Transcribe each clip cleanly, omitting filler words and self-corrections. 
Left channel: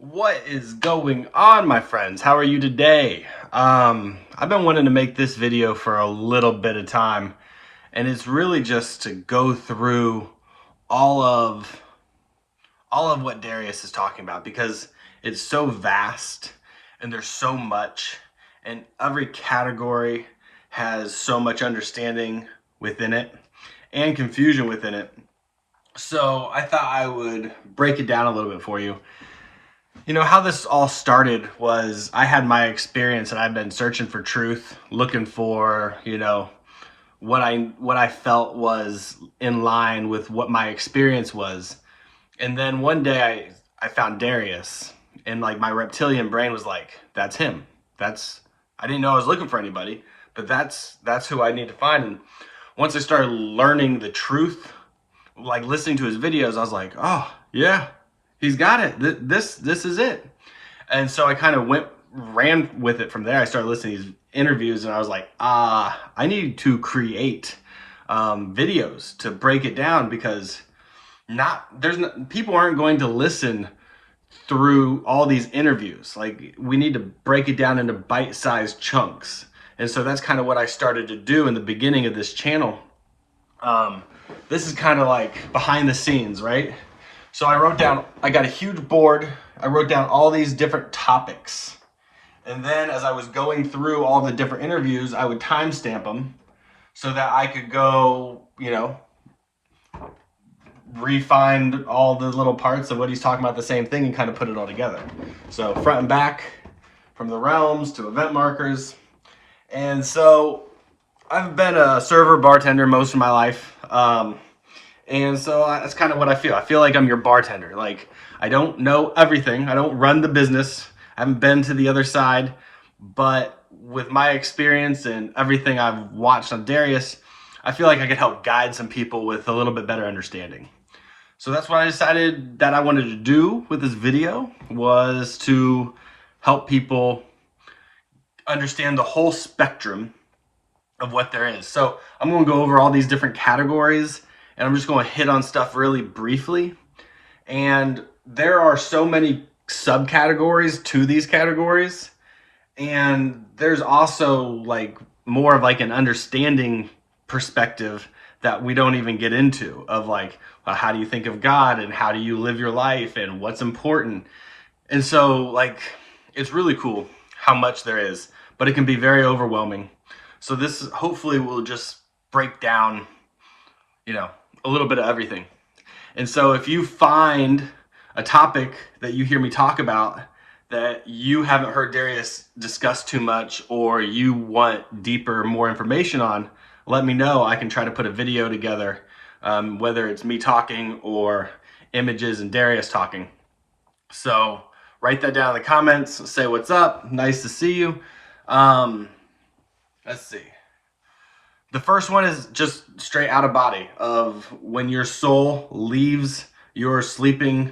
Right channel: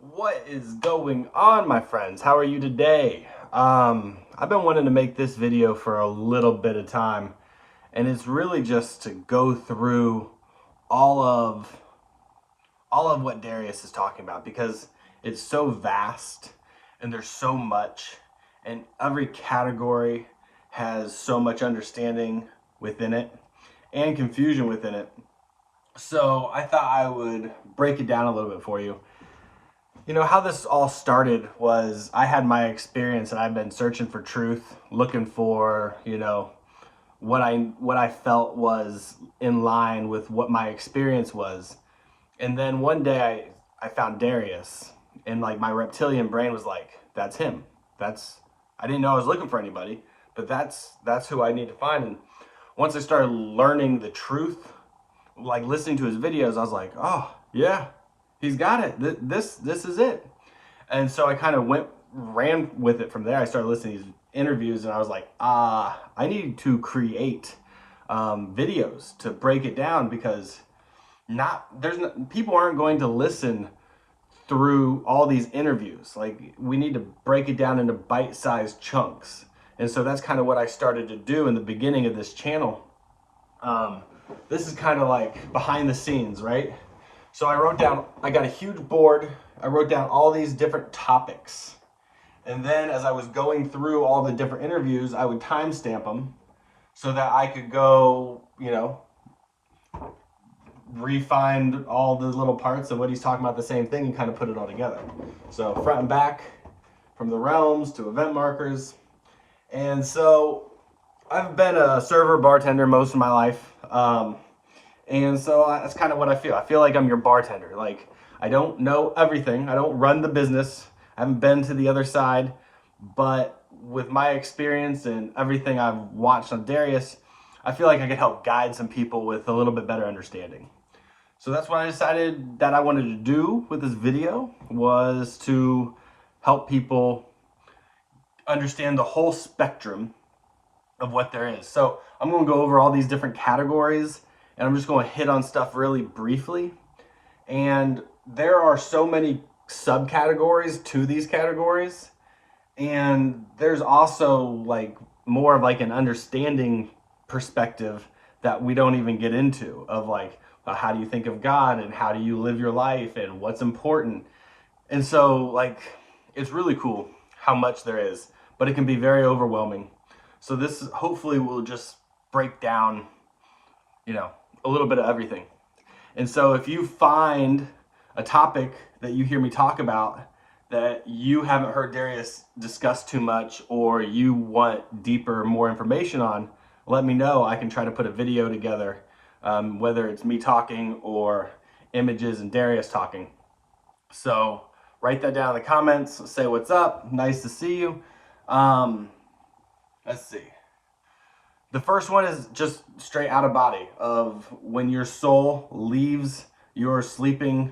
What is going on, my friends? How are you today? I've been wanting to make this video for a little bit of time, and it's really just to go through all of all of what Darius is talking about because it's so vast and there's so much, and every category has so much understanding within it and confusion within it. So I thought I would break it down a little bit for you. You know, how this all started was I had my experience and I've been searching for truth, looking for, what I felt was in line with what my experience was. And then one day I found Darius, and like my reptilian brain was like, that's him. That's I didn't know I was looking for anybody, but that's who I need to find. And once I started learning the truth, like listening to his videos, I was like, oh yeah, he's got it. This is it. And so I kind of ran with it from there. I started listening to these interviews, and I was like, I need to create videos to break it down because people aren't going to listen through all these interviews. Like, we need to break it down into bite-sized chunks. And so that's kind of what I started to do in the beginning of this channel. This is kind of like behind the scenes, right? So I got a huge board. I wrote down all these different topics. And then as I was going through all the different interviews, I would timestamp them so that I could go, refine all the little parts of what he's talking about, the same thing, and kind of put it all together. So front and back, from the realms to event markers. And so I've been a server bartender most of my life. And so that's kind of what I feel. I feel like I'm your bartender. Like, I don't know everything. I don't run the business. I haven't been to the other side. But with my experience and everything I've watched on Darius, I feel like I could help guide some people with a little bit better understanding. So that's what I decided that I wanted to do with this video, was to help people understand the whole spectrum of what there is. So I'm going to go over all these different categories, and I'm just going to hit on stuff really briefly. And there are so many subcategories to these categories, and there's also like more of like an understanding perspective that we don't even get into, of like, how do you think of God, and how do you live your life, and what's important. And so like, it's really cool how much there is, but it can be very overwhelming. So this hopefully will just break down, a little bit of everything. And so if you find a topic that you hear me talk about that you haven't heard Darius discuss too much, or you want deeper, more information on, let me know. I can try to put a video together, whether it's me talking or images and Darius talking. So write that down in the comments. Say what's up. Nice to see you. Let's see. The first one is just straight out of body, of when your soul leaves your sleeping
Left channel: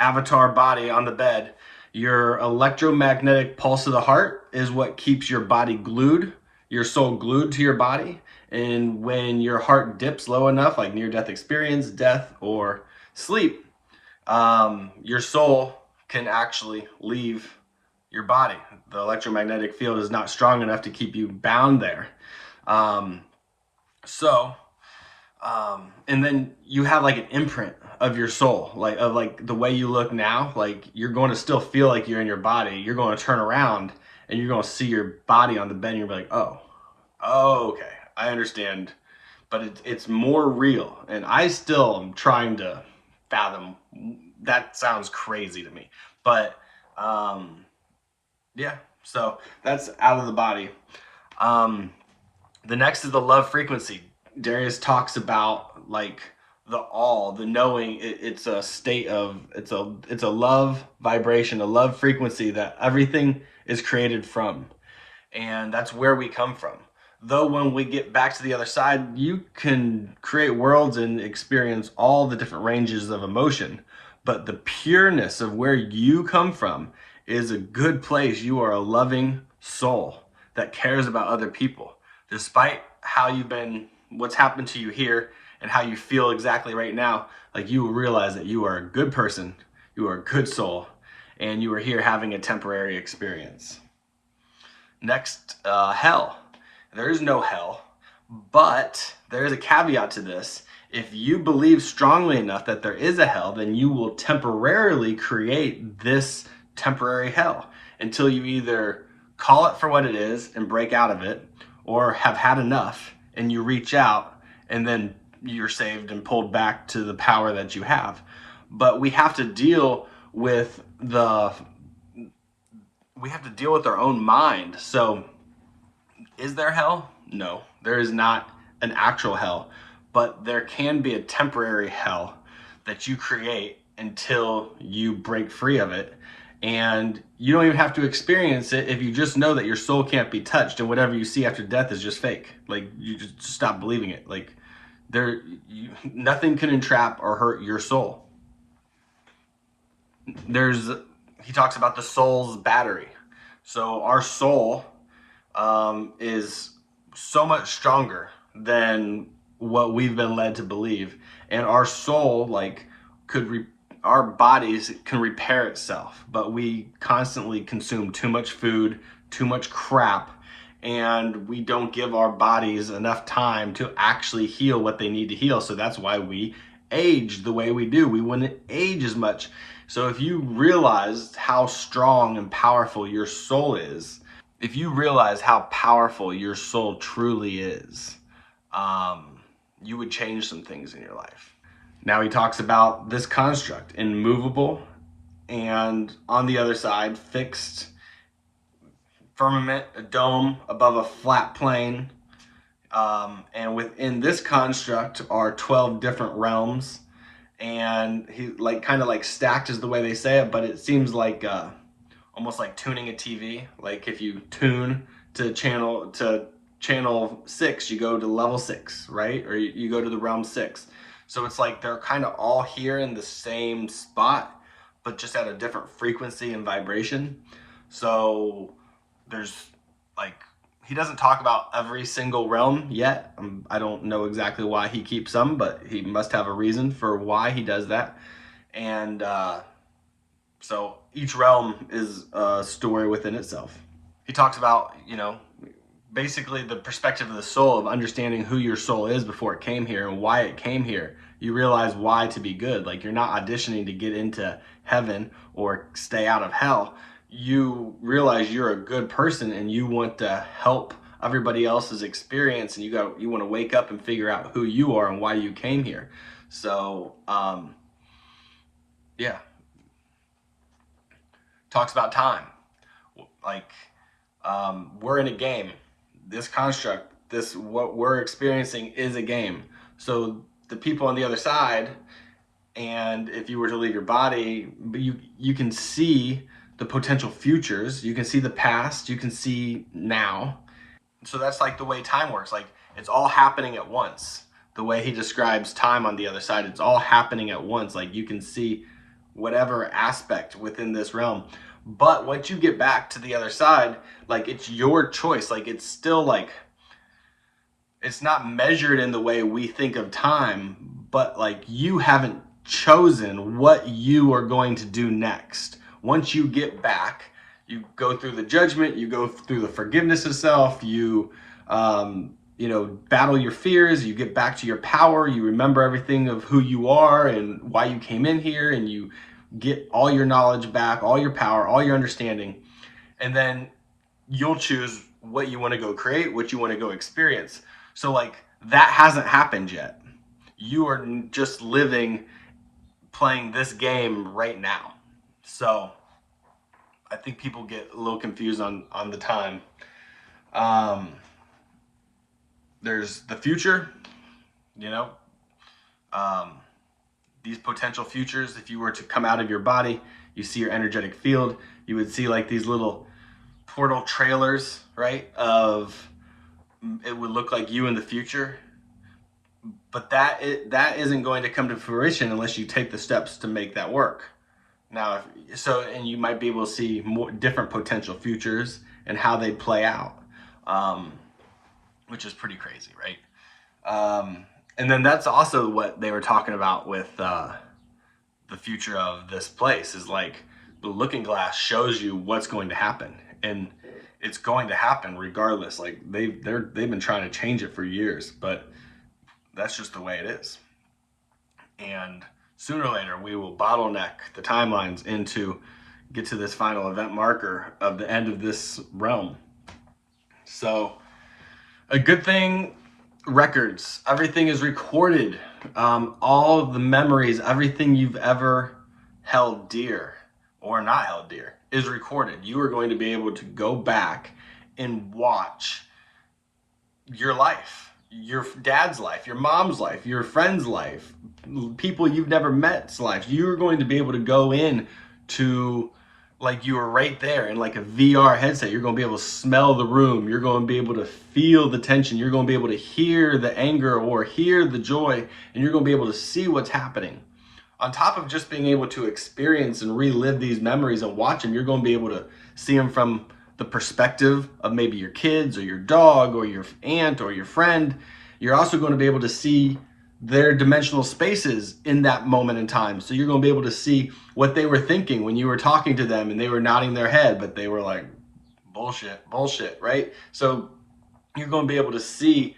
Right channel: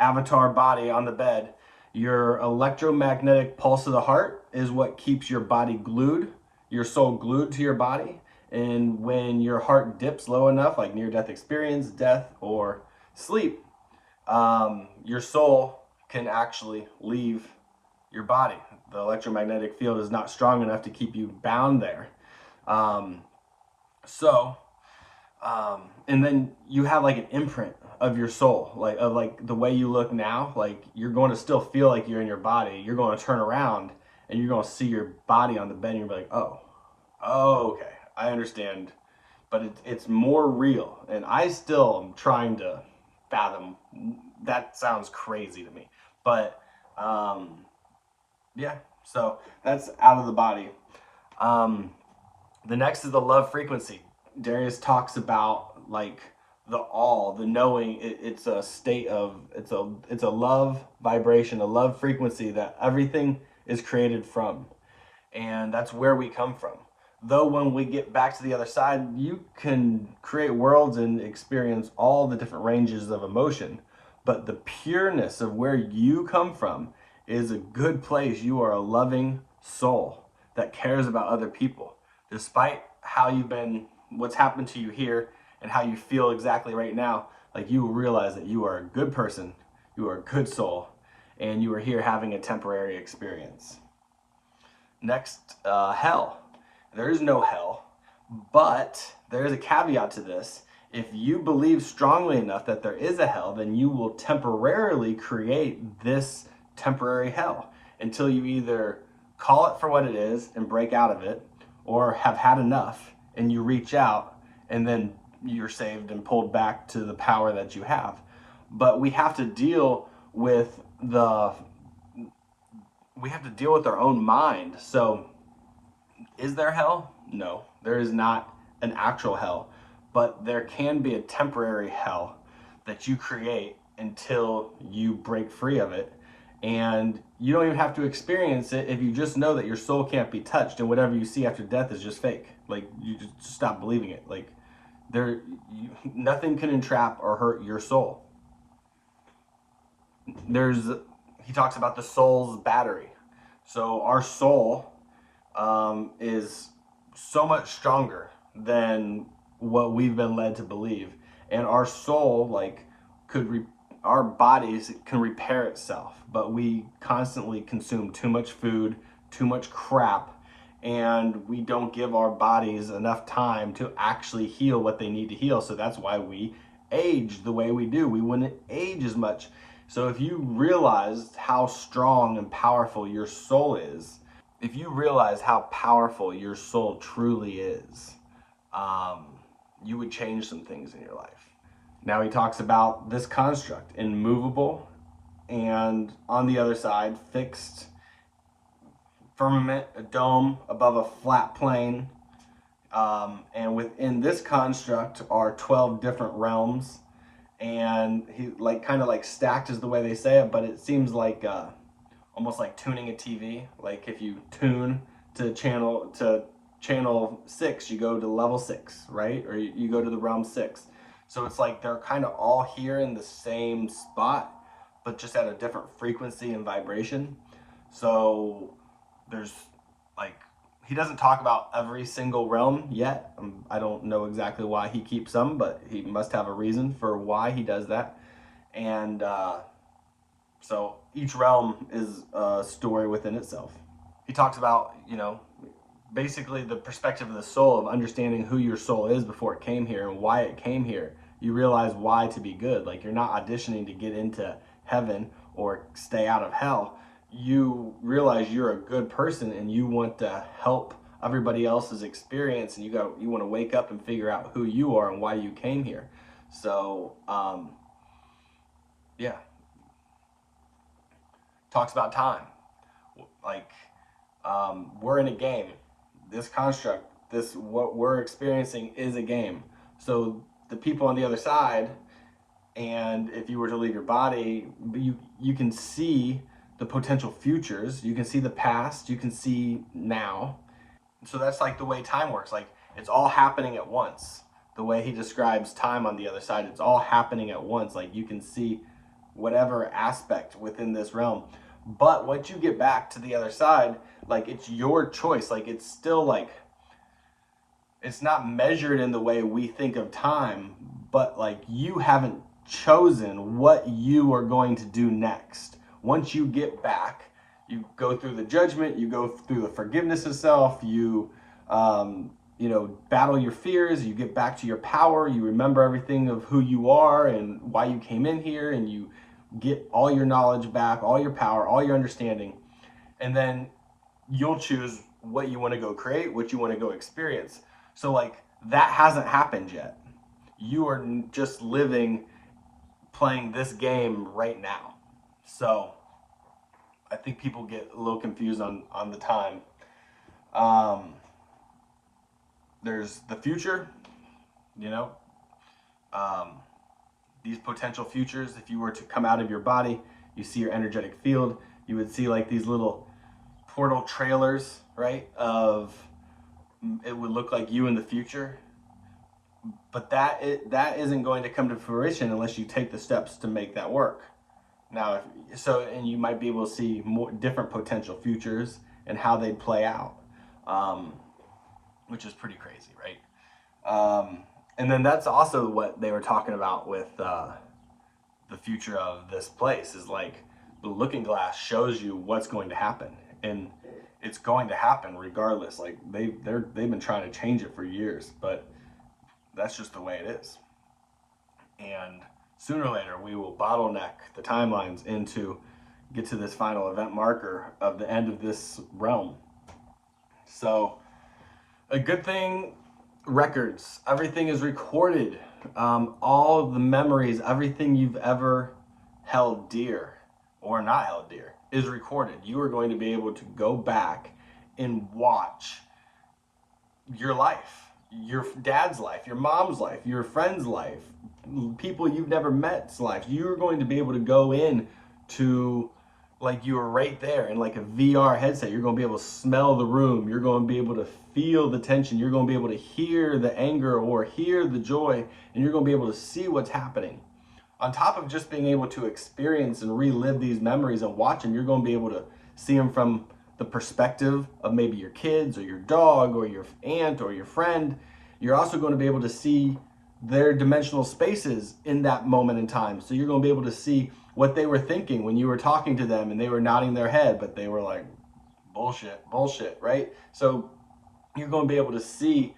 avatar body on the bed. Your electromagnetic pulse of the heart is what keeps your body glued, your soul glued to your body. And when your heart dips low enough, like near-death experience, death, or sleep, your soul can actually leave your body. The electromagnetic field is not strong enough to keep you bound there. And then you have like an imprint of your soul, like of like the way you look now. Like, you're going to still feel like you're in your body. You're going to turn around and you're going to see your body on the bed, and you're like, oh, okay, I understand. But it's more real, and I still am trying to fathom. That sounds crazy to me, but yeah. So that's out of the body. The next is the love frequency. Darius talks about like the knowing. It's a state of, it's a love vibration, a love frequency that everything is created from. And that's where we come from. Though when we get back to the other side, you can create worlds and experience all the different ranges of emotion. But the pureness of where you come from is a good place. You are a loving soul that cares about other people. Despite what's happened to you here and how you feel exactly right now, like, you will realize that you are a good person, you are a good soul, and you were here having a temporary experience. Next, hell. There is no hell, but there is a caveat to this. If you believe strongly enough that there is a hell, then you will temporarily create this temporary hell until you either call it for what it is and break out of it, or have had enough and you reach out and then you're saved and pulled back to the power that you have. But we have to deal with our own mind. So is there hell? No, there is not an actual hell, but there can be a temporary hell that you create until you break free of it. And you don't even have to experience it if you just know that your soul can't be touched, and whatever you see after death is just fake. Like, you just stop believing it. Like, nothing can entrap or hurt your soul. He talks about the soul's battery. So our soul is so much stronger than what we've been led to believe, and our soul, like, our bodies can repair itself, but we constantly consume too much food, too much crap, and we don't give our bodies enough time to actually heal what they need to heal. So that's why we age the way we do. We wouldn't age as much. So if you realize how strong and powerful your soul is, if you realize how powerful your soul truly is, you would change some things in your life. Now he talks about this construct, immovable, and on the other side, fixed firmament, a dome above a flat plane. And within this construct are 12 different realms. And he kind of stacked is the way they say it, but it seems like almost like tuning a TV. Like if you tune to channel 6, you go to level 6, right? Or you go to the realm 6. So it's like they're kind of all here in the same spot, but just at a different frequency and vibration. So there's he doesn't talk about every single realm yet. I don't know exactly why he keeps some, but he must have a reason for why he does that. And so each realm is a story within itself. He talks about, basically the perspective of the soul, of understanding who your soul is before it came here and why it came here. You realize why to be good. Like, you're not auditioning to get into heaven or stay out of hell. You realize you're a good person and you want to help everybody else's experience, and you want to wake up and figure out who you are and why you came here. So yeah, talks about time. Like, we're in a game. This construct, what we're experiencing is a game. So the people on the other side, and if you were to leave your body, you can see the potential futures, you can see the past, you can see now. So that's like the way time works. Like, it's all happening at once. The way he describes time on the other side, it's all happening at once. Like, you can see whatever aspect within this realm. But once you get back to the other side, like, it's your choice. Like, it's still like, it's not measured in the way we think of time, but like, you haven't chosen what you are going to do next. Once you get back, you go through the judgment, you go through the forgiveness of self, you battle your fears, you get back to your power, you remember everything of who you are and why you came in here, and you get all your knowledge back, all your power, all your understanding, and then you'll choose what you want to go create, what you want to go experience. So like, that hasn't happened yet. You are just playing this game right now. So I think people get a little confused on the time. There's the future, these potential futures. If you were to come out of your body, you see your energetic field, you would see like these little portal trailers, right? It would look like you in the future. But that isn't going to come to fruition unless you take the steps to make that work. Now, and you might be able to see more different potential futures and how they play out, which is pretty crazy, right? And then that's also what they were talking about with the future of this place, is like the looking glass shows you what's going to happen, and it's going to happen regardless. Like they've been trying to change it for years, but that's just the way it is. And sooner or later, we will bottleneck the timelines into get to this final event marker of the end of this realm. So a good thing, records, everything is recorded. All the memories, everything you've ever held dear or not held dear is recorded. You are going to be able to go back and watch your life, your dad's life, your mom's life, your friend's life, people you've never met's life. You're going to be able to go in to, like, you were right there in like a VR headset. You're going to be able to smell the room. You're going to be able to feel the tension. You're going to be able to hear the anger or hear the joy, and you're going to be able to see what's happening. On top of just being able to experience and relive these memories and watch them, you're going to be able to see them from the perspective of maybe your kids or your dog or your aunt or your friend. You're also going to be able to see their dimensional spaces in that moment in time. So you're going to be able to see what they were thinking when you were talking to them and they were nodding their head, but they were like, bullshit, right? So you're going to be able to see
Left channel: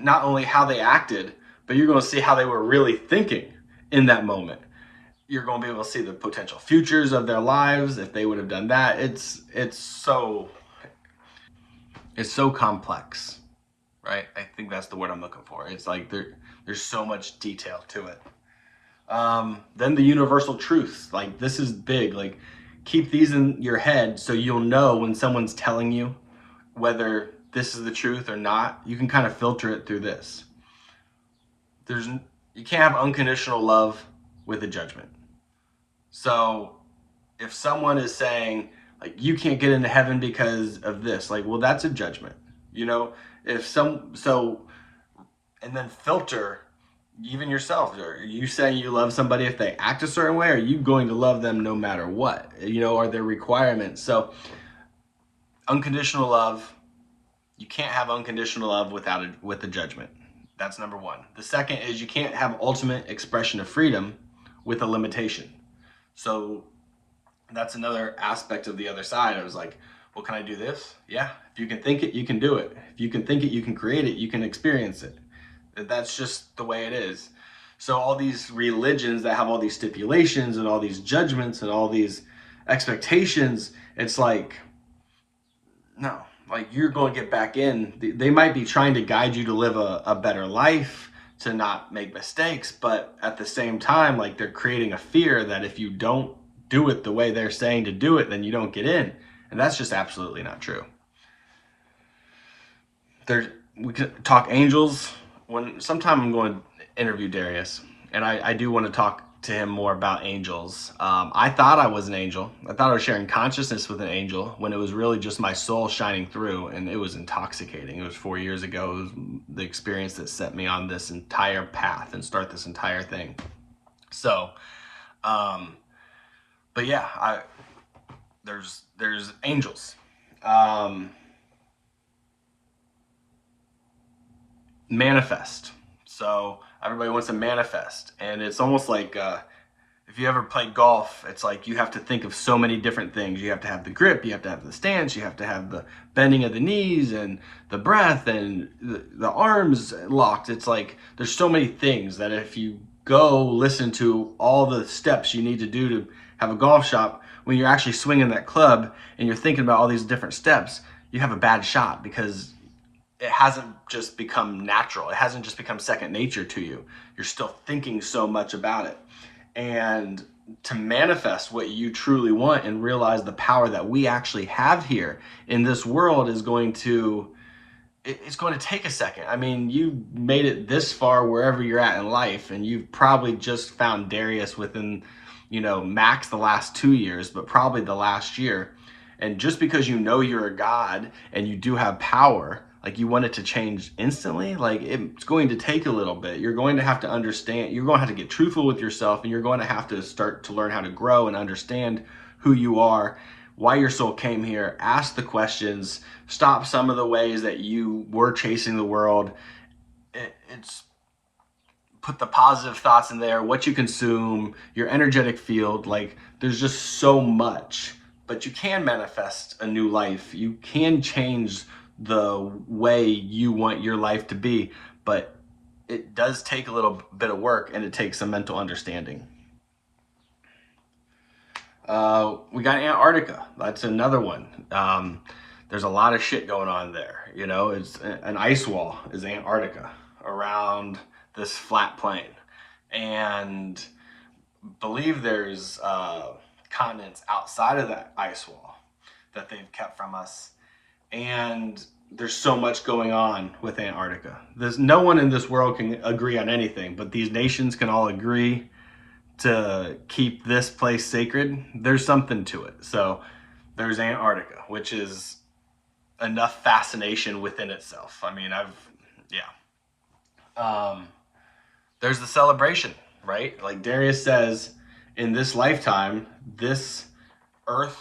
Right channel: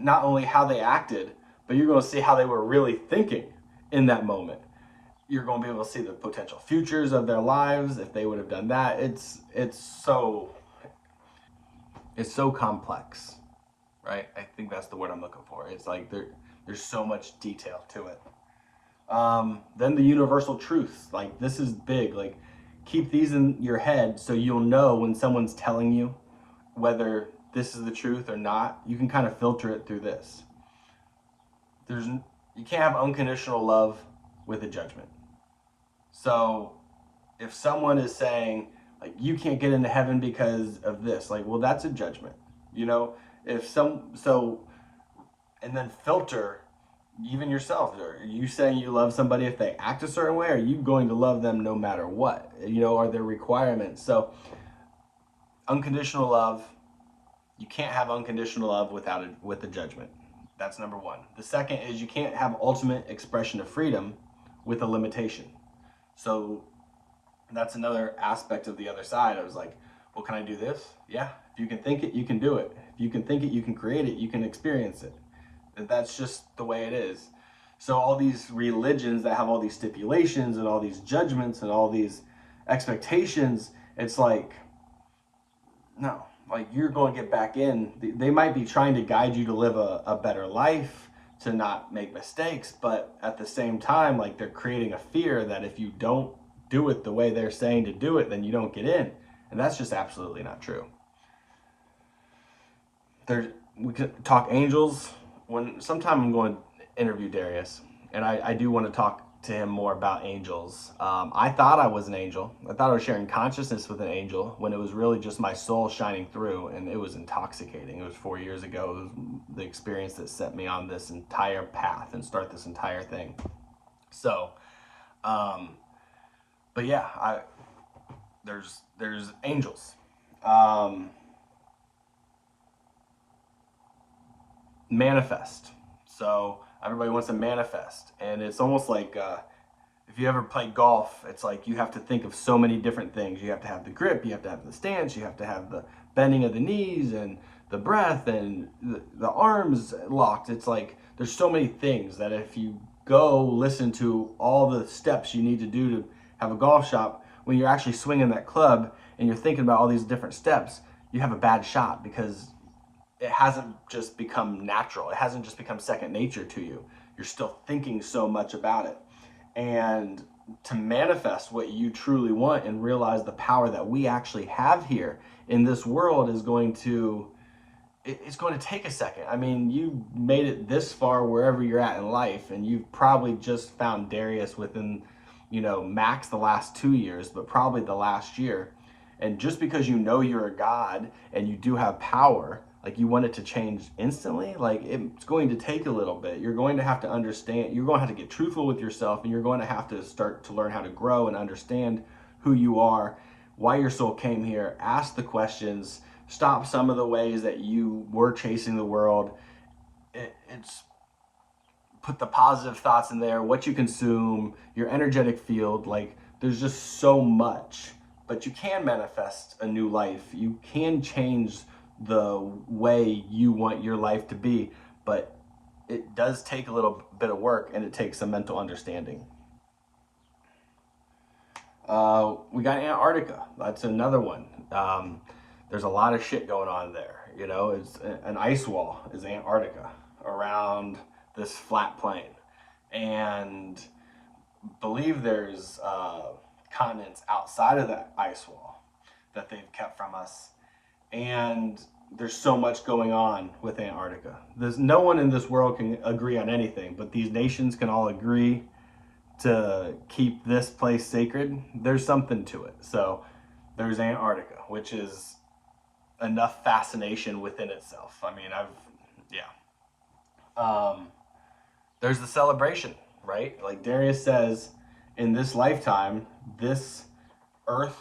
not only how they acted, but you're going to see how they were really thinking in that moment. You're going to be able to see the potential futures of their lives if they would have done that. It's so complex, right? I think that's the word I'm looking for. It's like there's so much detail to it. Then the universal truths, like this is big. Like keep these in your head so you'll know when someone's telling you whether this is the truth or not. You can kind of filter it through this. You can't have unconditional love with a judgment. So if someone is saying like you can't get into heaven because of this, like, well, that's a judgment, you know. And then filter even yourself. Are you saying you love somebody if they act a certain way? Or are you going to love them no matter what? You know, are there requirements? So unconditional love, you can't have unconditional love with a judgment. That's number one. The second is you can't have ultimate expression of freedom with a limitation. So that's another aspect of the other side. I was like, well, can I do this? Yeah. If you can think it, you can do it. If you can think it, you can create it, you can experience it. That's just the way it is. So all these religions that have all these stipulations and all these judgments and all these expectations, it's like, no, like you're going to get back in. They might be trying to guide you to live a better life, to not make mistakes, but at the same time, like they're creating a fear that if you don't do it the way they're saying to do it, then you don't get in. And that's just absolutely not true. We could talk angels. Sometime I'm going to interview Darius, and I do want to talk to him more about angels. I thought I was an angel. I thought I was sharing consciousness with an angel when it was really just my soul shining through, and it was intoxicating. It was 4 years ago. It was the experience that set me on this entire path and start this entire thing. So, but yeah, there's angels. Manifest. So everybody wants to manifest, and it's almost like if you ever play golf, it's like you have to think of so many different things. You have to have the grip, you have to have the stance, you have to have the bending of the knees and the breath and the arms locked. It's like there's so many things that if you go listen to all the steps you need to do to have a golf shot, when you're actually swinging that club and you're thinking about all these different steps, you have a bad shot because it hasn't just become natural. It hasn't just become second nature to you. You're still thinking so much about it. And to manifest what you truly want and realize the power that we actually have here in this world is going to, it's going to take a second. I mean, you made it this far wherever you're at in life, and you've probably just found Darius within, max the last 2 years, but probably the last year. And just because you know you're a God and you do have power, like you want it to change instantly, like it's going to take a little bit. You're going to have to understand, you're going to have to get truthful with yourself, and you're going to have to start to learn how to grow and understand who you are, why your soul came here, ask the questions, stop some of the ways that you were chasing the world. It's put the positive thoughts in there, what you consume, your energetic field. Like, there's just so much. But you can manifest a new life. You can change the way you want your life to be. But it does take a little bit of work, and it takes some mental understanding. We got Antarctica. That's another one. There's a lot of shit going on there. You know, it's an ice wall is Antarctica around this flat plain, and believe there's continents outside of that ice wall that they've kept from us. And there's so much going on with Antarctica. There's no one in this world can agree on anything, but these nations can all agree to keep this place sacred. There's something to it. So there's Antarctica, which is enough fascination within itself. I mean, there's the celebration, right? Like Darius says, in this lifetime, this earth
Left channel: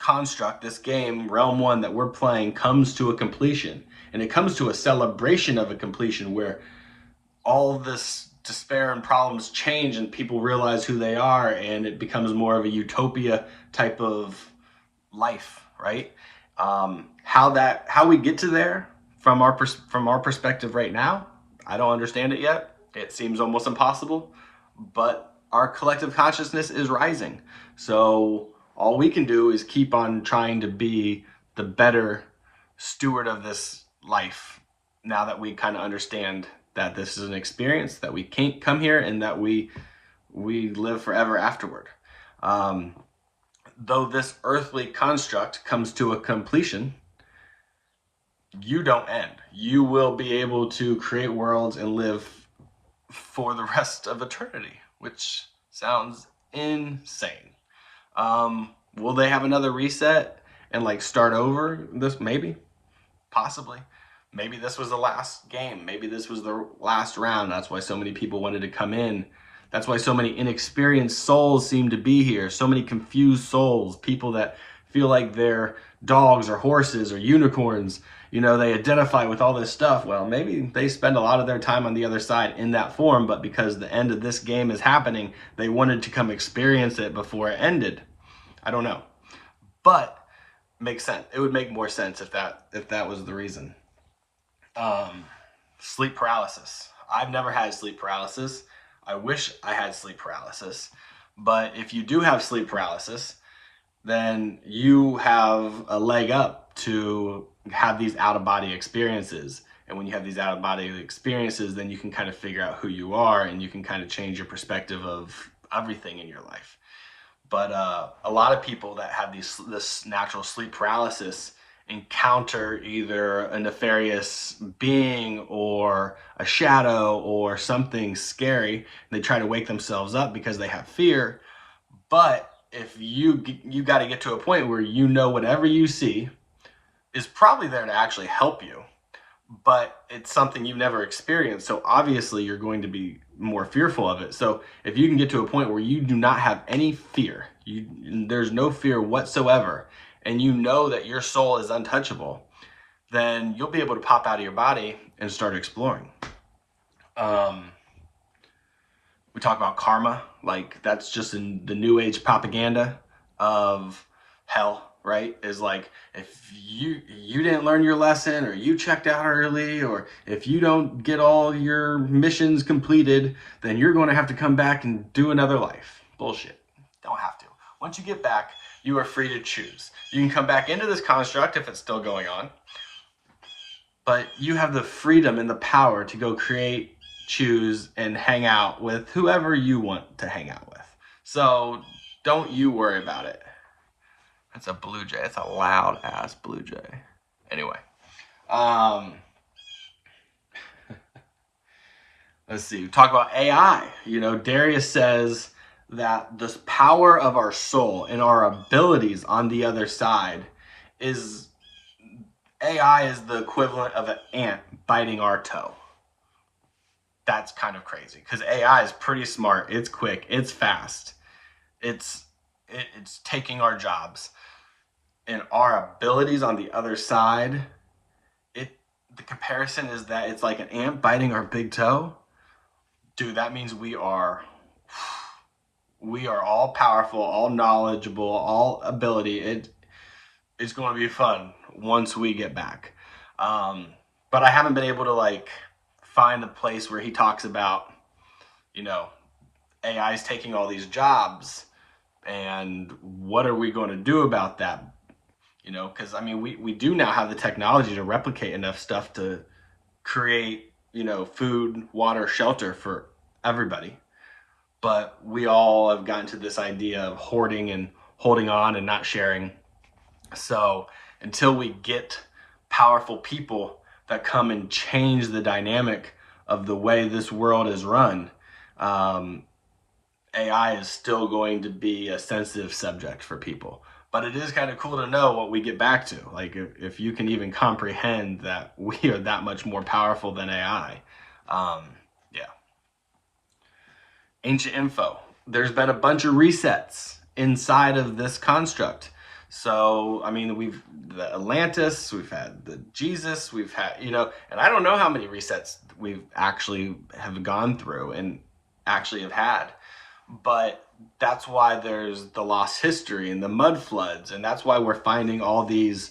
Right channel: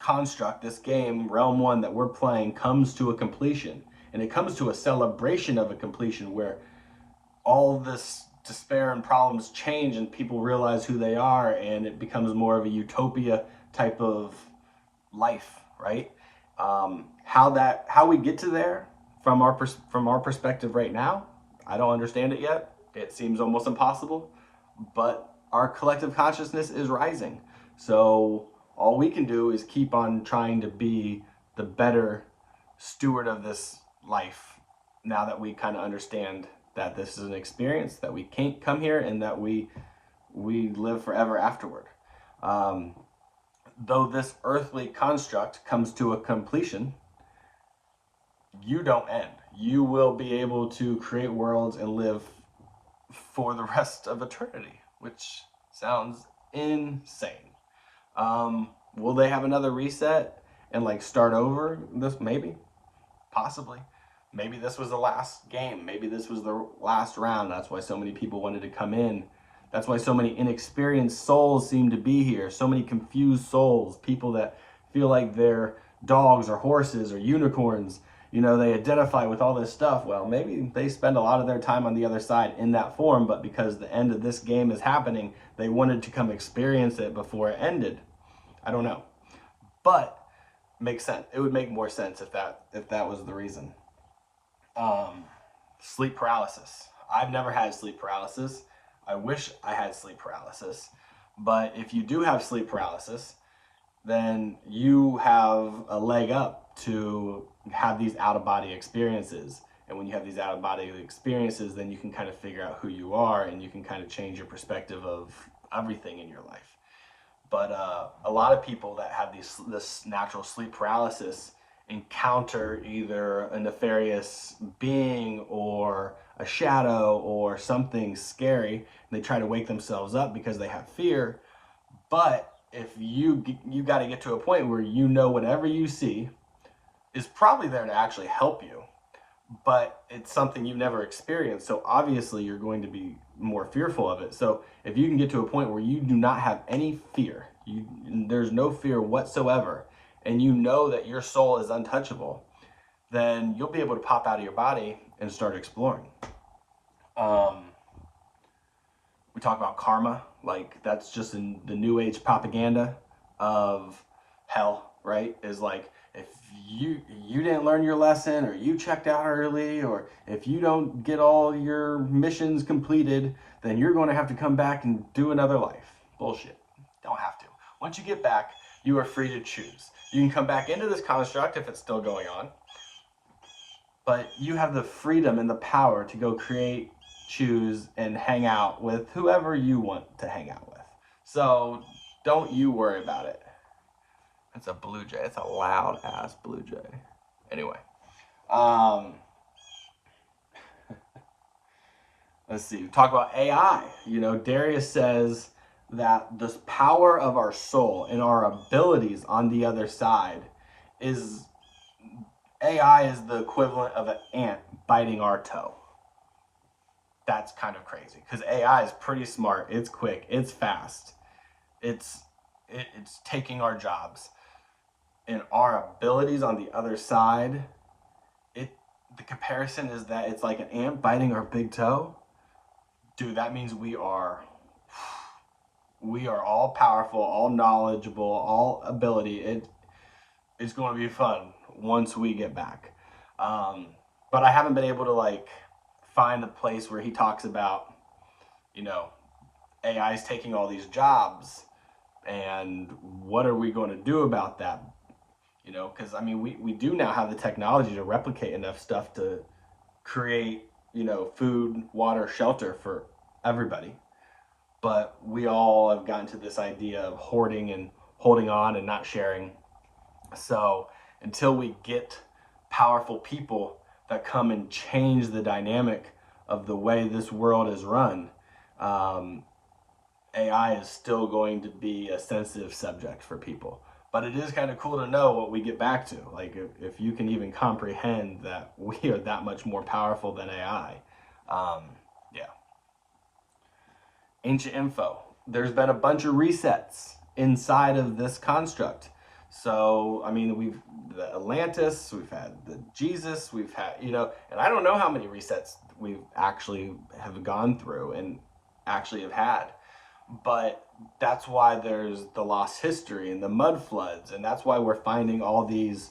construct, this game, Realm 1 that we're playing, comes to a completion. And it comes to a celebration of a completion where all this despair and problems change and people realize who they are, and it becomes more of a utopia type of life, right? How we get to there from our perspective right now, I don't understand it yet. It seems almost impossible, but our collective consciousness is rising. So all we can do is keep on trying to be the better steward of this life now that we kind of understand that this is an experience, that we can't come here, and that we live forever afterward. Though this earthly construct comes to a completion, you don't end. You will be able to create worlds and live for the rest of eternity, which sounds insane. Will they have another reset and like start over? This maybe, possibly. Maybe this was the last game. Maybe this was the last round. That's why so many people wanted to come in. That's why so many inexperienced souls seem to be here. So many confused souls, people that feel like they're dogs or horses or unicorns. You know, they identify with all this stuff. Well, maybe they spend a lot of their time on the other side in that form, but because the end of this game is happening, they wanted to come experience it before it ended. I don't know. But makes sense. It would make more sense if that was the reason. Sleep paralysis. I've never had sleep paralysis. I wish I had sleep paralysis. But if you do have sleep paralysis, then you have a leg up to have these out-of-body experiences. And when you have these out-of-body experiences, then you can kind of figure out who you are, and you can kind of change your perspective of everything in your life. But a lot of people that have this natural sleep paralysis encounter either a nefarious being or a shadow or something scary. They try to wake themselves up because they have fear. But if you got to get to a point where you know whatever you see is probably there to actually help you, but it's something you've never experienced, so obviously you're going to be more fearful of it. So if you can get to a point where you do not have any fear, there's no fear whatsoever, and you know that your soul is untouchable, then you'll be able to pop out of your body and start exploring. We talk about karma, like that's just in the new age propaganda of hell, right? Is like, if you didn't learn your lesson, or you checked out early, or if you don't get all your missions completed, then you're going to have to come back and do another life. Bullshit. Don't have to. Once you get back, you are free to choose. You can come back into this construct if it's still going on, but you have the freedom and the power to go create, choose, and hang out with whoever you want to hang out with. So don't you worry about it. It's a blue jay. It's a loud ass blue jay. Anyway, let's see. We talk about AI. You know, Darius says that this power of our soul and our abilities on the other side is, AI is the equivalent of an ant biting our toe. That's kind of crazy because AI is pretty smart. It's quick. It's fast. It's taking our jobs. And our abilities on the other side, the comparison is that it's like an ant biting our big toe. dude, that means we are all powerful, all knowledgeable, all ability. It's going to be fun once we get back. Um, but I haven't been able to like find a place where he talks about, you know, AI is taking all these jobs and what are we going to do about that? You know, because I mean, we do now have the technology to replicate enough stuff to create, you know, food, water, shelter for everybody. But we all have gotten to this idea of hoarding and holding on and not sharing. So until we get powerful people that come and change the dynamic of the way this world is run, um, AI is still going to be a sensitive subject for people. But it is kind of cool to know what we get back to. Like if you can even comprehend that we are that much more powerful than AI. Yeah. Ancient info. There's been a bunch of resets inside of this construct. So, I mean, we've the Atlantis, we've had the Jesus, we've had, you know, and I don't know how many resets we've actually have gone through and actually have had. But that's why there's the lost history and the mud floods, and that's why we're finding all these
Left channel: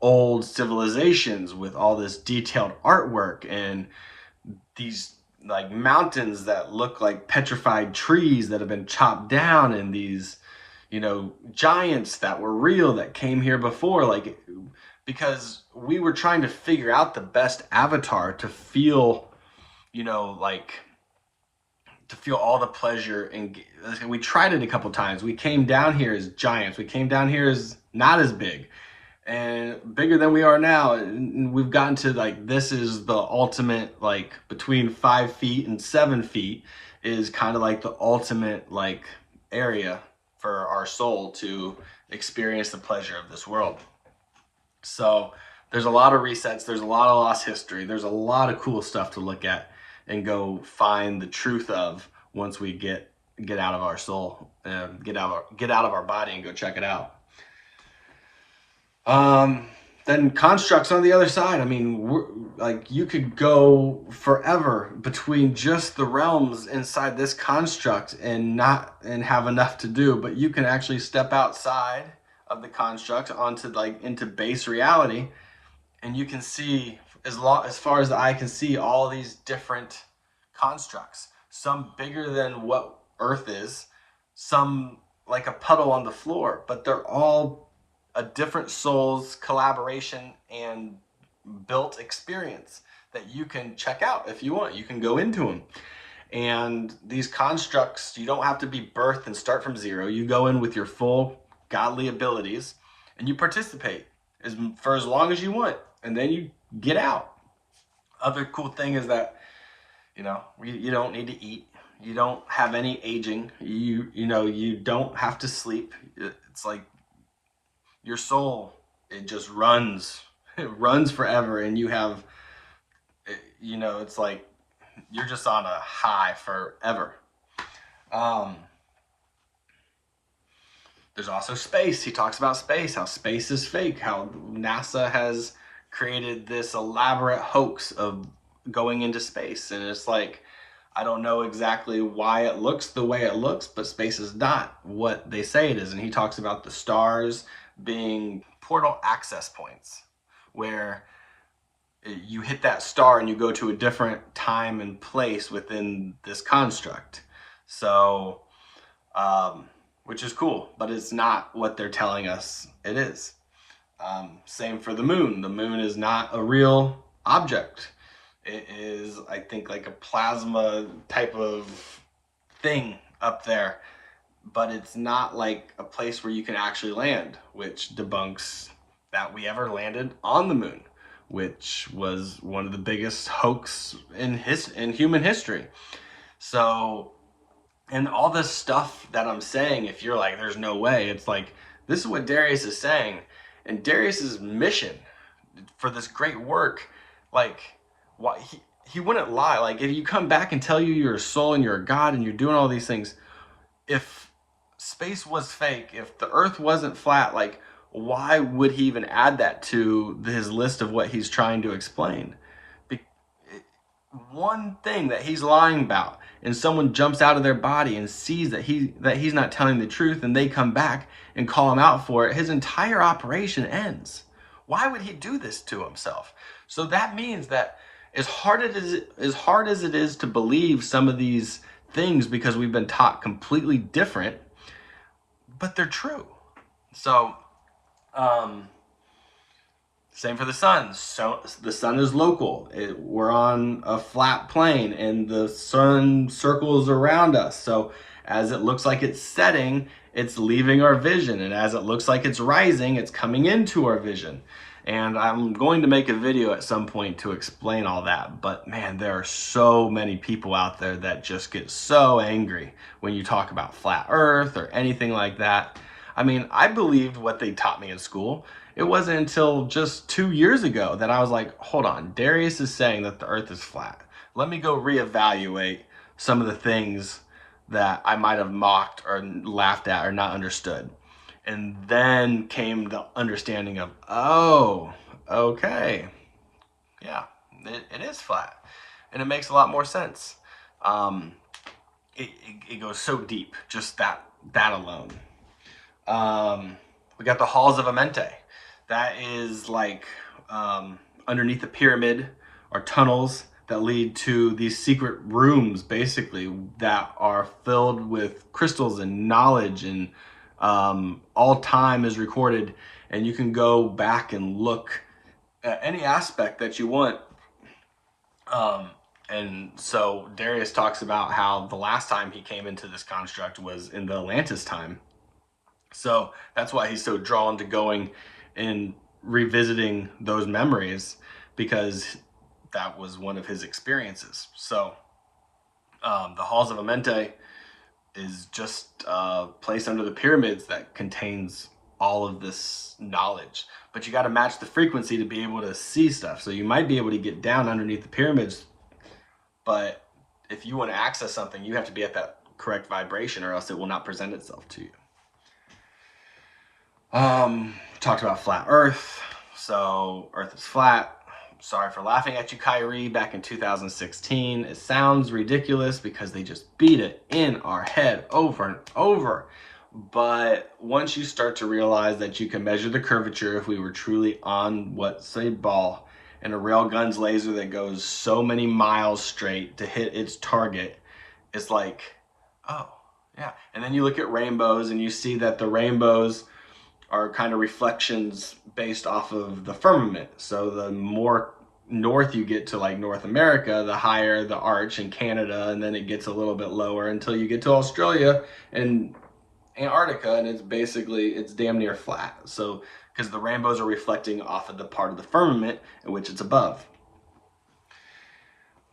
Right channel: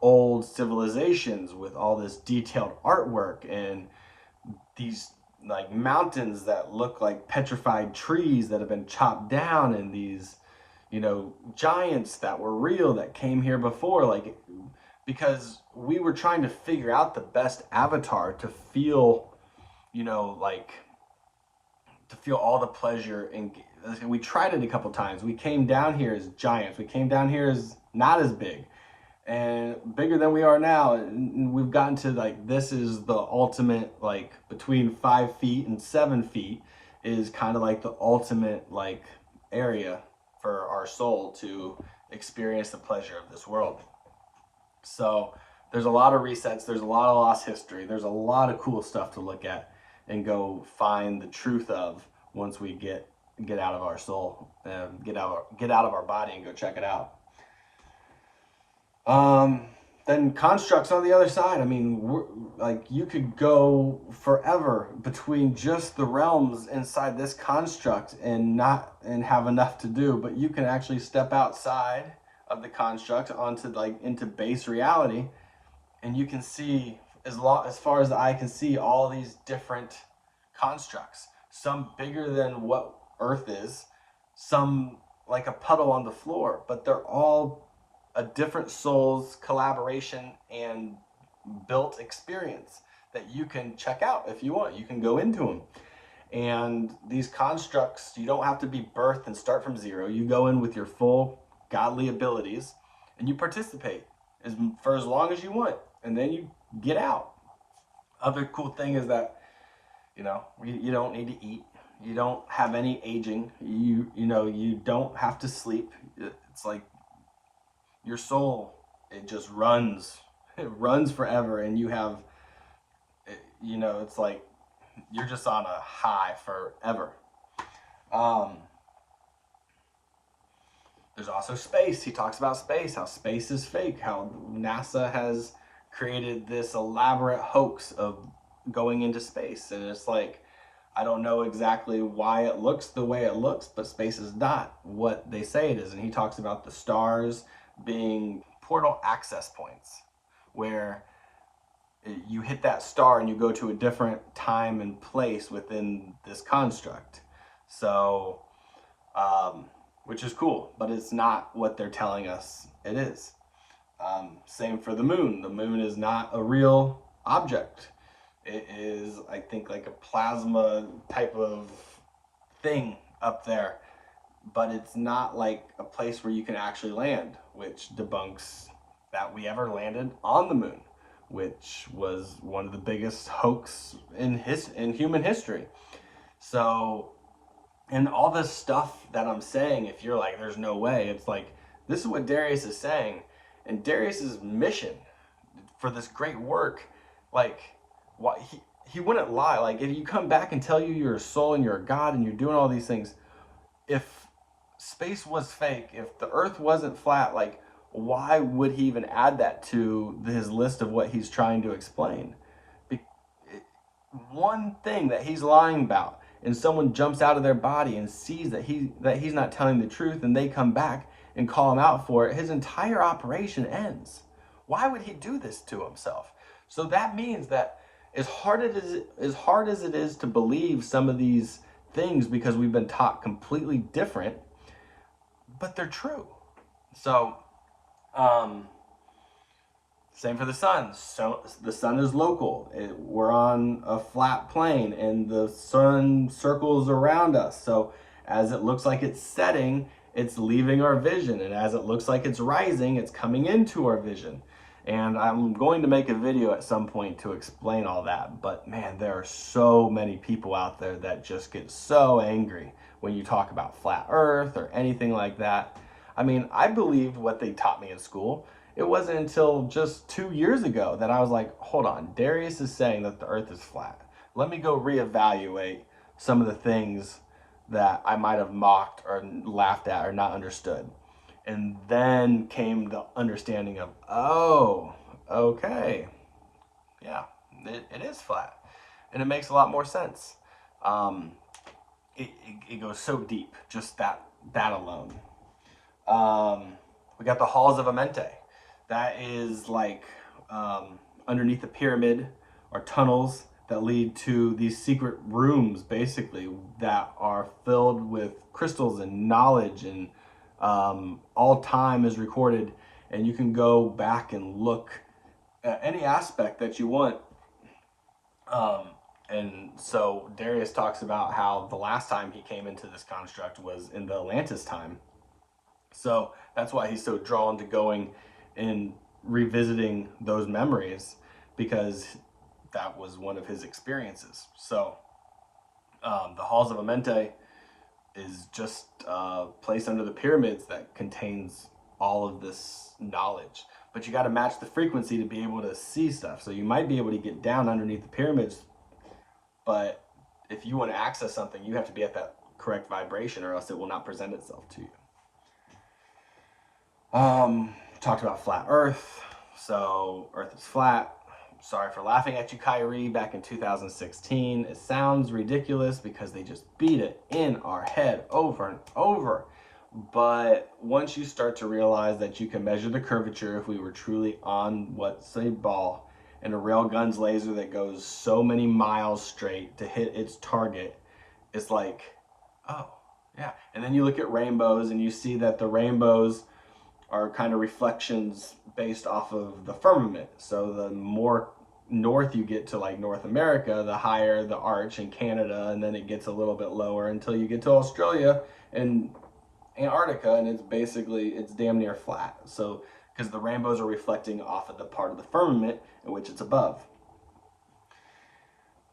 old civilizations with all this detailed artwork and these like mountains that look like petrified trees that have been chopped down, and these, you know, giants that were real that came here before, like, because we were trying to figure out the best avatar to feel, you know, like to feel all the pleasure. And we tried it a couple times. We came down here as giants, we came down here as not as big and bigger than we are now, and we've gotten to like, this is the ultimate, like between 5 feet and 7 feet is kind of like the ultimate like area for our soul to experience the pleasure of this world. So there's a lot of resets, there's a lot of lost history, there's a lot of cool stuff to look at and go find the truth of once we get out of our soul and get out of our body and go check it out. Then constructs on the other side. I mean, like you could go forever between just the realms inside this construct and not and have enough to do, but you can actually step outside of the construct onto like into base reality, and you can see as far as the eye can see all these different constructs. Some bigger than what Earth is, some like a puddle on the floor, but they're all a different soul's collaboration and built experience that you can check out if you want. You can go into them. And these constructs, you don't have to be birthed and start from zero. You go in with your full godly abilities and you participate for as long as you want, and then you get out. Other cool thing is that, you know, you don't need to eat. You don't have any aging. You know, you don't have to sleep. It's like your soul, it just runs. It runs forever, and you have, you know, it's like you're just on a high forever. There's also space. He talks about space, how space is fake, how NASA has created this elaborate hoax of going into space. And it's like, I don't know exactly why it looks the way it looks, but space is not what they say it is. And he talks about the stars being portal access points where you hit that star and you go to a different time and place within this construct. So, which is cool, but it's not what they're telling us it is. Same for the moon. The moon is not a real object. It is, I think, like a plasma type of thing up there, but it's not like a place where you can actually land, which debunks that we ever landed on the moon, which was one of the biggest hoax in human history. So, and all this stuff that I'm saying, if you're like, there's no way, it's like, this is what Darius is saying. And Darius's mission for this great work, like, what he wouldn't lie. Like, if you come back and tell you you're a soul and you're a god and you're doing all these things, if space was fake, if the earth wasn't flat, like, why would he even add that to his list of what he's trying to explain? One thing that he's lying about and someone jumps out of their body and sees that he's not telling the truth, and they come back and call him out for it, his entire operation ends. Why would he do this to himself? So that means that as hard as it is to believe some of these things, because we've been taught completely different, but they're true. So same for the sun. So the sun is local. We're on a flat plane and the sun circles around us. So as it looks like it's setting, it's leaving our vision. And as it looks like it's rising, it's coming into our vision. And I'm going to make a video at some point to explain all that. But man, there are so many people out there that just get so angry when you talk about flat earth or anything like that. I mean, I believed what they taught me in school. It wasn't until just 2 years ago that I was like, hold on, Darius is saying that the earth is flat. Let me go reevaluate some of the things that I might have mocked or laughed at or not understood. And then came the understanding of, oh, okay, yeah, it is flat. And it makes a lot more sense. It goes so deep, just that alone. We got the halls of Amente. That is like underneath the pyramid or tunnels that lead to these secret rooms, basically, that are filled with crystals and knowledge, and all time is recorded, and you can go back and look at any aspect that you want. And so Darius talks about how the last time he came into this construct was in the Atlantis time. So that's why he's so drawn to going and revisiting those memories, because that was one of his experiences. So the halls of Amente is just a place under the pyramids that contains all of this knowledge. But you got to match the frequency to be able to see stuff. So you might be able to get down underneath the pyramids, but if you want to access something, you have to be at that correct vibration, or else it will not present itself to you. Talked about flat earth. So earth is flat. Sorry for laughing at you, Kyrie, back in 2016. It sounds ridiculous because they just beat it in our head over and over. But once you start to realize that you can measure the curvature, if we were truly on what's a ball and a railgun's laser that goes so many miles straight to hit its target, it's like, oh, yeah. And then you look at rainbows and you see that the rainbows are kind of reflections based off of the firmament. So the more north you get to, like North America, the higher the arch in Canada, and then it gets a little bit lower until you get to Australia and Antarctica, and it's damn near flat. So because the rainbows are reflecting off of the part of the firmament in which it's above.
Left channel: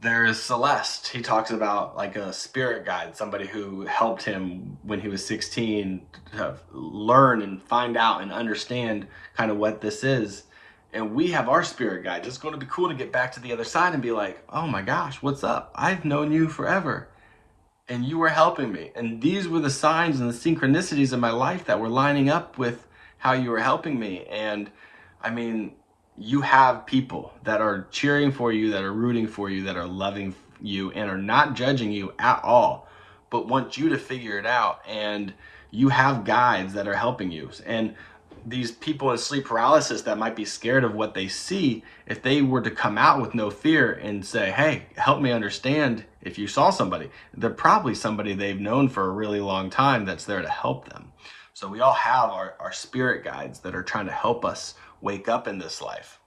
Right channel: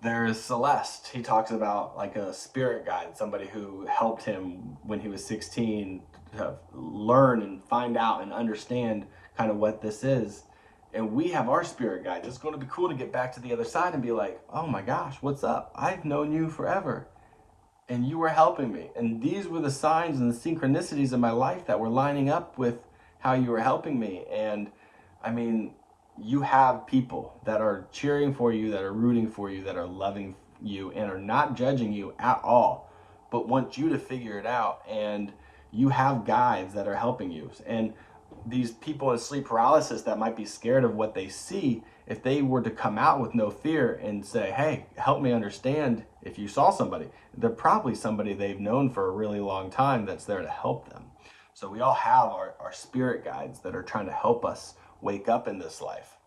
There's Celeste. He talks about like a spirit guide, somebody who helped him when he was 16 to learn and find out and understand kind of what this is. And we have our spirit guides. It's going to be cool to get back to the other side and be like, oh my gosh, what's up? I've known you forever, and you were helping me. And these were the signs and the synchronicities in my life that were lining up with how you were helping me. And I mean, you have people that are cheering for you, that are rooting for you, that are loving you, and are not judging you at all, but want you to figure it out. And you have guides that are helping you. And these people in sleep paralysis that might be scared of what they see, if they were to come out with no fear and say, hey, help me understand, if you saw somebody, they're probably somebody they've known for a really long time that's there to help them. So we all have our spirit guides that are trying to help us wake up in this life.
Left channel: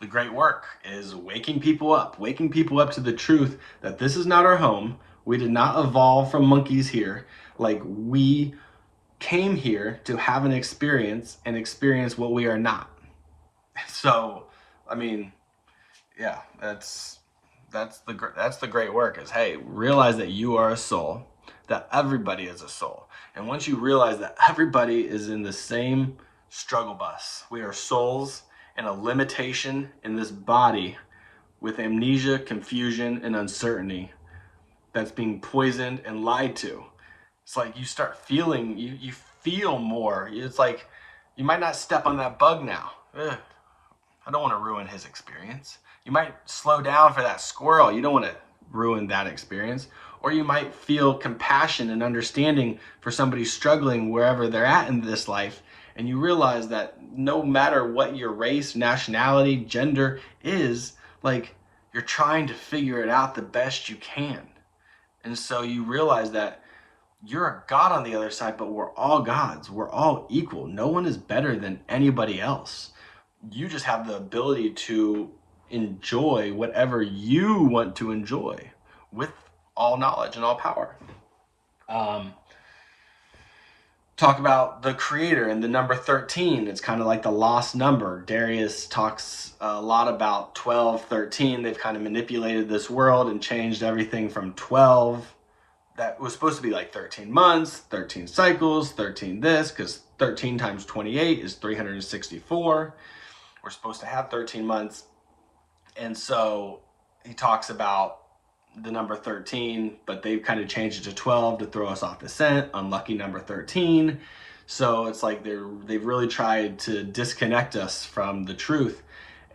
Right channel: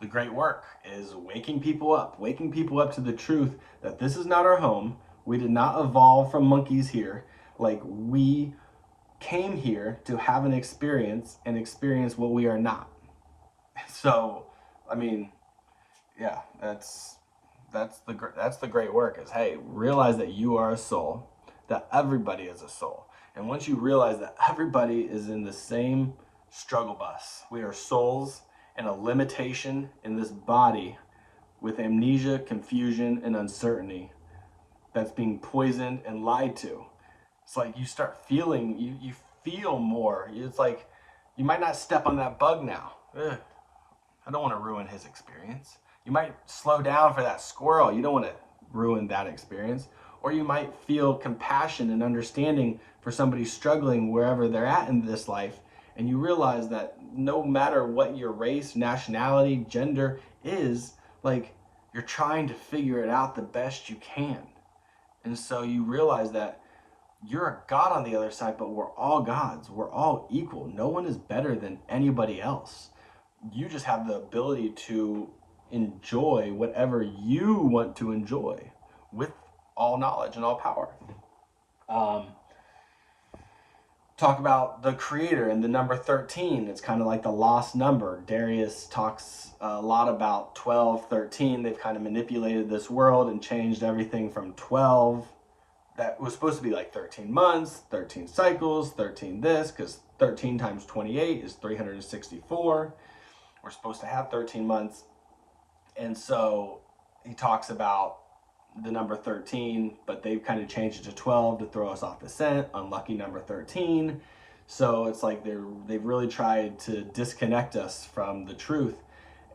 The great work is waking people up to the truth that this is not our home. We did not evolve from monkeys here. Like, we came here to have an experience and experience what we are not. So, I mean, yeah, that's the great work, is, hey, realize that you are a soul, that everybody is a soul. And once you realize that everybody is in the same struggle bus, we are souls and a limitation in this body with amnesia, confusion, and uncertainty that's being poisoned and lied to. It's like you start feeling, you feel more. It's like you might not step on that bug now. I don't want to ruin his experience. You might slow down for that squirrel. You don't want to ruin that experience. Or you might feel compassion and understanding for somebody struggling wherever they're at in this life, and you realize that no matter what your race, nationality, gender is, like, you're trying to figure it out the best you can. And so you realize that you're a God on the other side, but we're all gods. We're all equal. No one is better than anybody else. You just have the ability to enjoy whatever you want to enjoy with all knowledge and all power. Talk about the creator and the number 13. It's kind of like the lost number. Darius talks a lot about 12, 13. They've kind of manipulated this world and changed everything from 12. That was supposed to be like 13 months, 13 cycles, 13 this, because 13 times 28 is 364. We're supposed to have 13 months. And so he talks about the number 13, but they've kind of changed it to 12 to throw us off the scent. Unlucky number 13. So it's like they've really tried to disconnect us from the truth.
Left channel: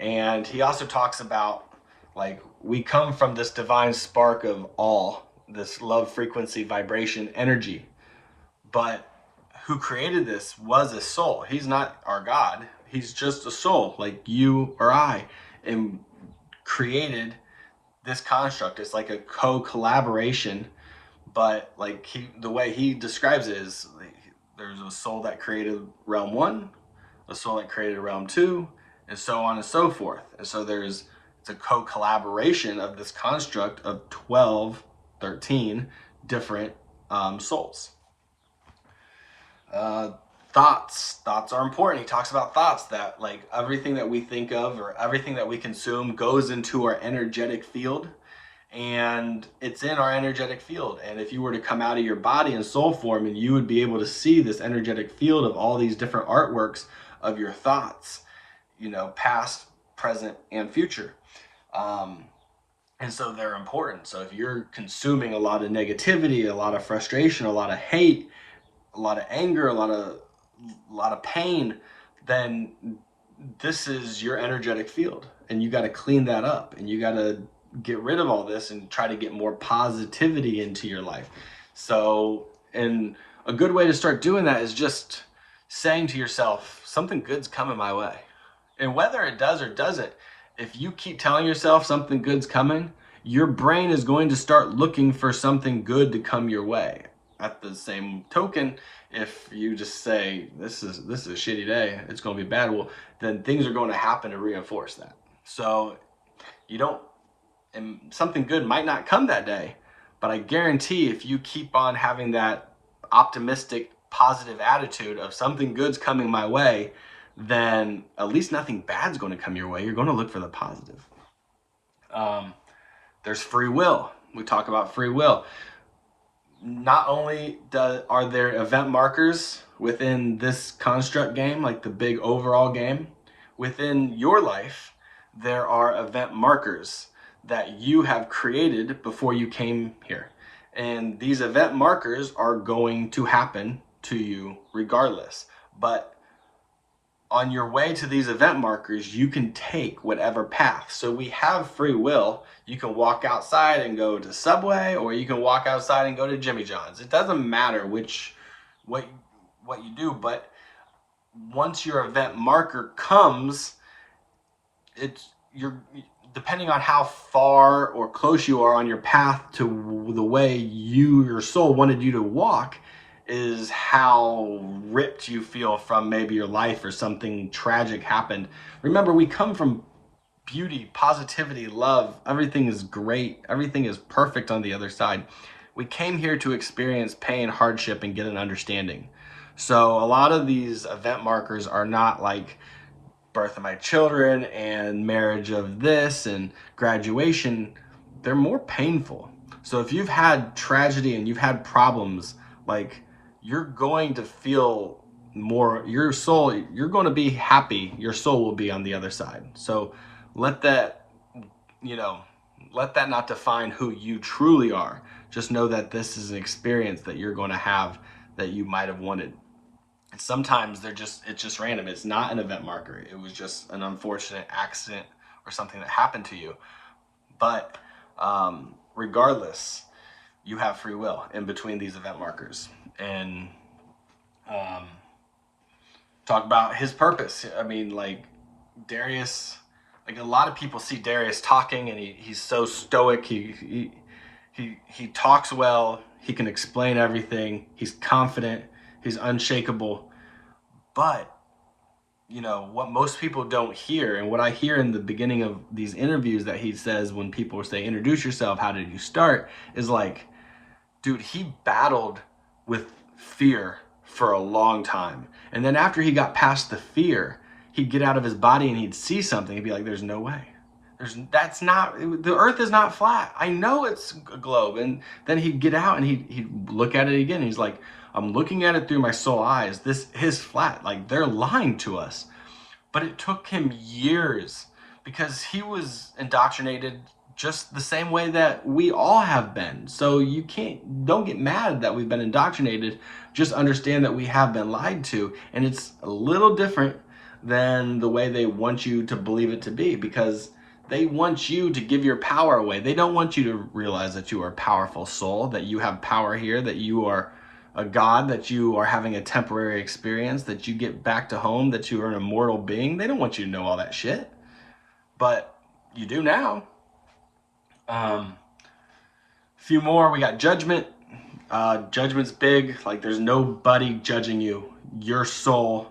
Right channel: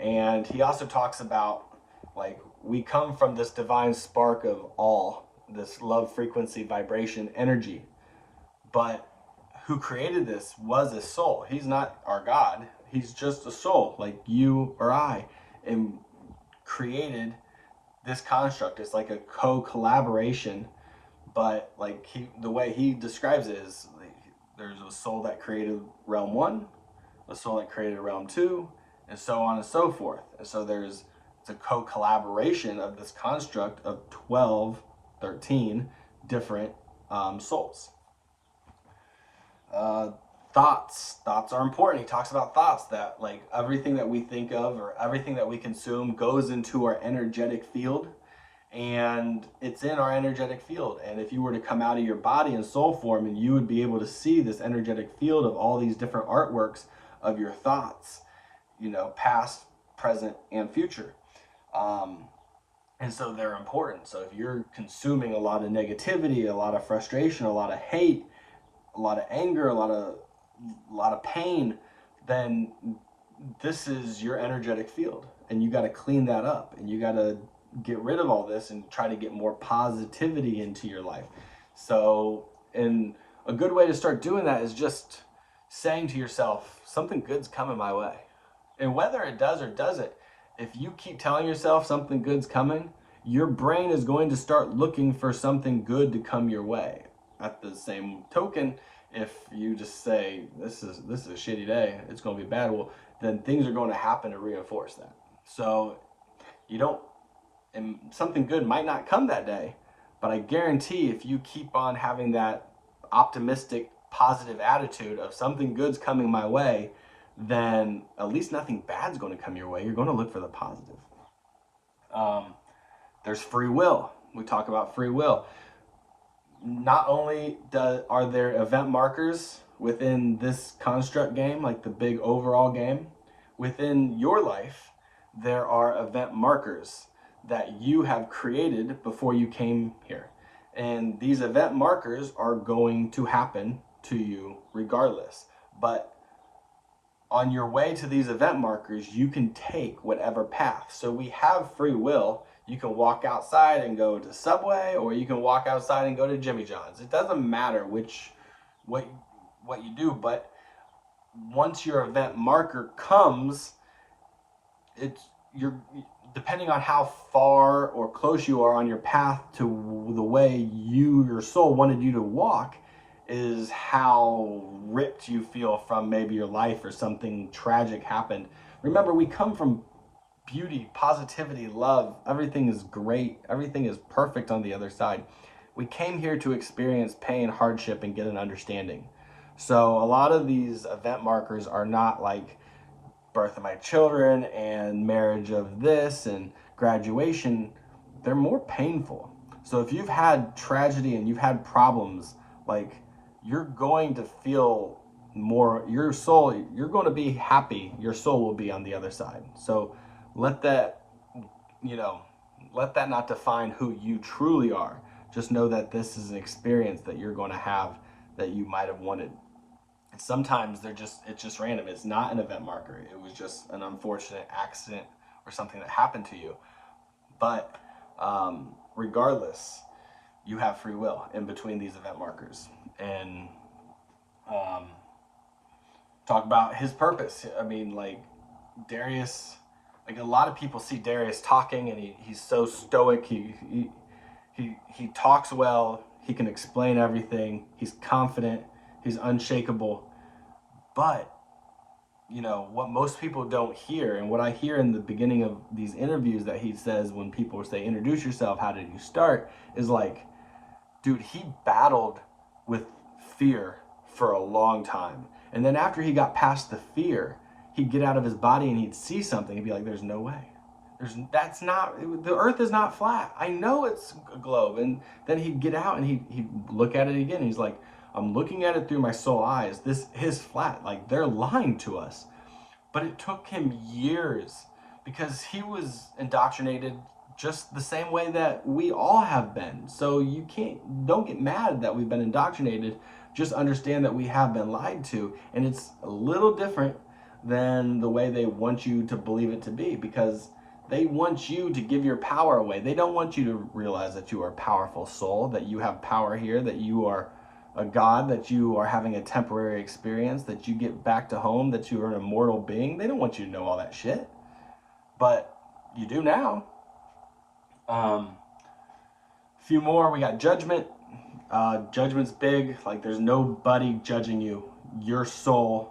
And he also talks about, like, we come from this divine spark of all, this love, frequency, vibration, energy. But who created this was a soul. He's not our God. He's just a soul like you or I, and created this construct. It's like a co-collaboration, but like the way he describes it is, like, there's a soul that created realm 1, a soul that created realm 2, and so on and so forth. And so it's a co-collaboration of this construct of 12, 13 different souls. Thoughts are important. He talks about thoughts, that like everything that we think of or everything that we consume goes into our energetic field, and it's in our energetic field. And if you were to come out of your body in soul form, and you would be able to see this energetic field of all these different artworks of your thoughts, past, present, and future. And so they're important. So if you're consuming a lot of negativity, a lot of frustration, a lot of hate, a lot of anger, a lot of pain, then this is your energetic field, and you got to clean that up, and you got to get rid of all this and try to get more positivity into your life. So, and a good way to start doing that is just saying to yourself, something good's coming my way. And whether it does or doesn't, if you keep telling yourself something good's coming, your brain is going to start looking for something good to come your way. At the same token, if you just say, this is a shitty day, it's going to be bad, well, then things are going to happen to reinforce that. So and something good might not come that day, but I guarantee if you keep on having that optimistic, positive attitude of something good's coming my way, then at least nothing bad's going to come your way. You're going to look for the positive. There's free will. We talk about free will. Not only are there event markers within this construct game, like the big overall game, within your life, there are event markers that you have created before you came here. And these event markers are going to happen to you regardless. But on your way to these event markers, you can take whatever path. So we have free will. You can walk outside and go to Subway, or you can walk outside and go to Jimmy John's. It doesn't matter what you do, but once your event marker comes, you're depending on how far or close you are on your path to the way your soul wanted you to walk, is how ripped you feel from maybe your life or something tragic happened. Remember, we come from beauty, positivity, love. Everything is great. Everything is perfect on the other side. We came here to experience pain, hardship, and get an understanding. So a lot of these event markers are not like birth of my children and marriage of this and graduation. They're more painful. So if you've had tragedy and you've had problems, like, you're going to feel more, your soul, you're going to be happy. Your soul will be on the other side. So let that not define who you truly are. Just know that this is an experience that you're going to have that you might have wanted. And sometimes it's just random. It's not an event marker. It was just an unfortunate accident or something that happened to you. But regardless, you have free will in between these event markers. And talk about his purpose. I mean, like, Darius, like, a lot of people see Darius talking, and he's so stoic. He talks well. He can explain everything. He's confident. He's unshakable. But, you know, what most people don't hear, and what I hear in the beginning of these interviews that he says when people say, introduce yourself, how did you start, is like, dude, he battled with fear for a long time. And then after he got past the fear, he'd get out of his body and he'd see something and be like, there's no way. The earth is not flat. I know it's a globe. And then he'd get out and he'd look at it again. He's like, I'm looking at it through my soul eyes. This is flat. Like, they're lying to us. But it took him years because he was indoctrinated just the same way that we all have been. So don't get mad that we've been indoctrinated. Just understand that we have been lied to. And it's a little different than the way they want you to believe it to be, because they want you to give your power away. They don't want you to realize that you are a powerful soul, that you have power here, that you are a god, that you are having a temporary experience, that you get back to home, that you are an immortal being. They don't want you to know all that shit. But you do now. Few more. We got judgment. Judgment's big. Like, there's nobody judging you. Your soul,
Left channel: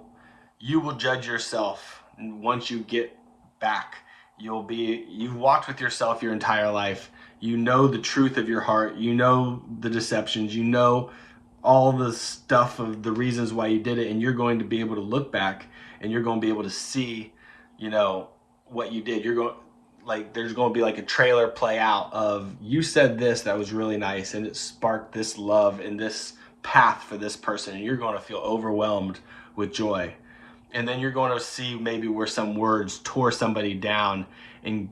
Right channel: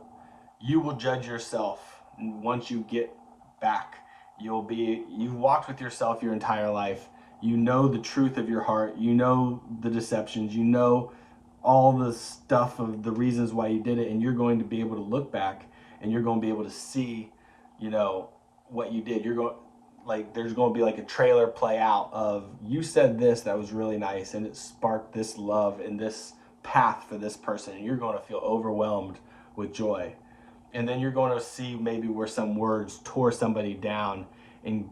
you will judge yourself. And once you get back, you've walked with yourself your entire life. You know the truth of your heart. You know the deceptions. You know all the stuff of the reasons why you did it. And you're going to be able to look back and you're going to be able to see, you know, what you did. There's going to be like a trailer play out of, you said this that was really nice and it sparked this love and this path for this person, and you're going to feel overwhelmed with joy. And then you're going to see maybe where some words tore somebody down and